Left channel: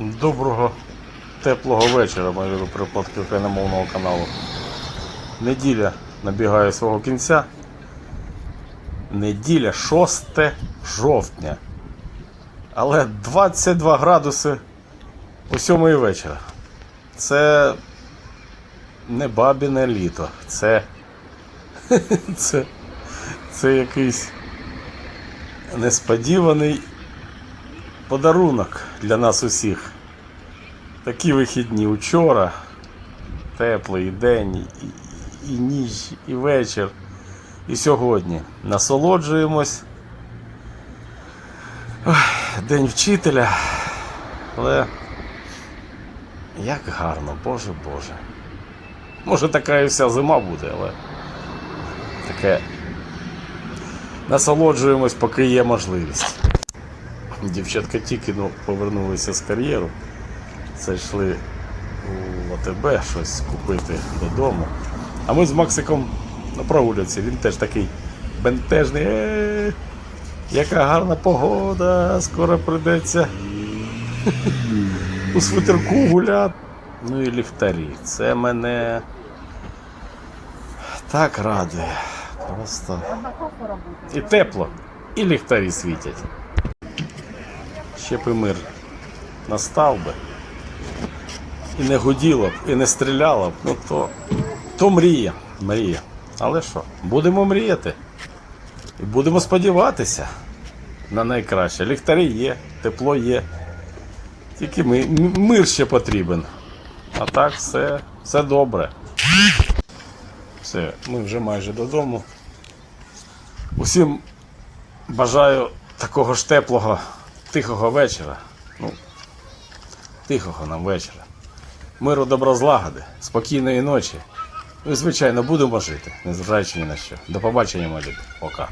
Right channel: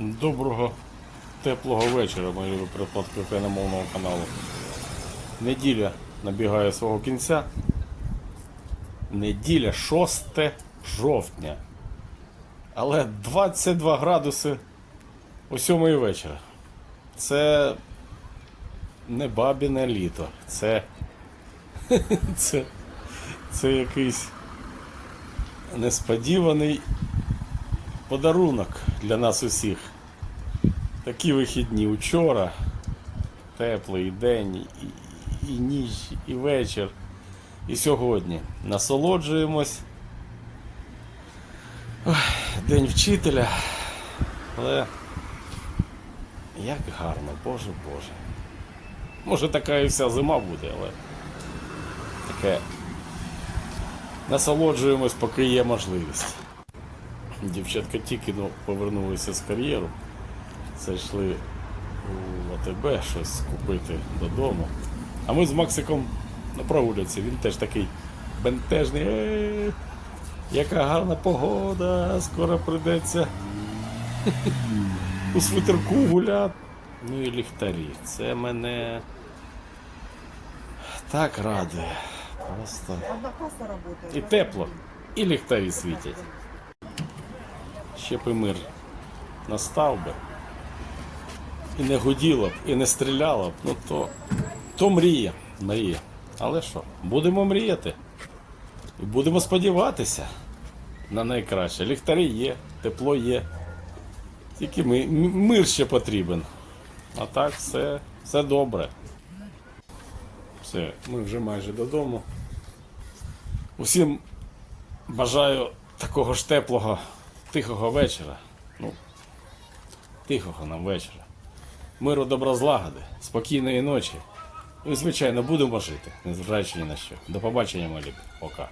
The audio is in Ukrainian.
Доброго теплого вечора, мої припадки україномовного каналу. Неділя набігає свого кінця. Неділя 6 жовтня. Але 22 градуси о 7 вечора. Це не бабіне літо. Це. Це, це якийсь несподіваний подарунок для нас усіх. Такі вихідні учора, теплий день, і, і ніч, і вечір, і сьогодні. Насолоджуємось. День вчителя. Але як гарно, Боже Боже. Може така і вся зима буде, але таке насолоджуємось, поки є можливість. Дівчатка тільки ну, повернулися з кар'єру. Зайшли у АТБ щось купити додому. А ми з Максиком на прогулянці. Він теж такий бентежний. Е, яка гарна погода, скоро прийдеться у свитерку гуляти. Ну і ліхтарі. Це мене так радує. Просто. І тепло, і ліхтарі світять. Ще б і мир настав би. І не гуділо б, і не стріляло б, ну то, то мрія, мрія. Але що, будемо мріяти. І будемо сподіватися на найкраще. Ліхтарі є, тепло є. Тільки ми, мир ще потрібен. А так все, все добре. Все, ми вже майже додому. Усім бажаю такого ж теплого, тихого вечора. Ну, тихого нам вечора. Миру доброзлагоди, спокійної ночі. Ну і, звичайно, будемо жити, незважаючи ні на що. До побачення, мої люди. Пока.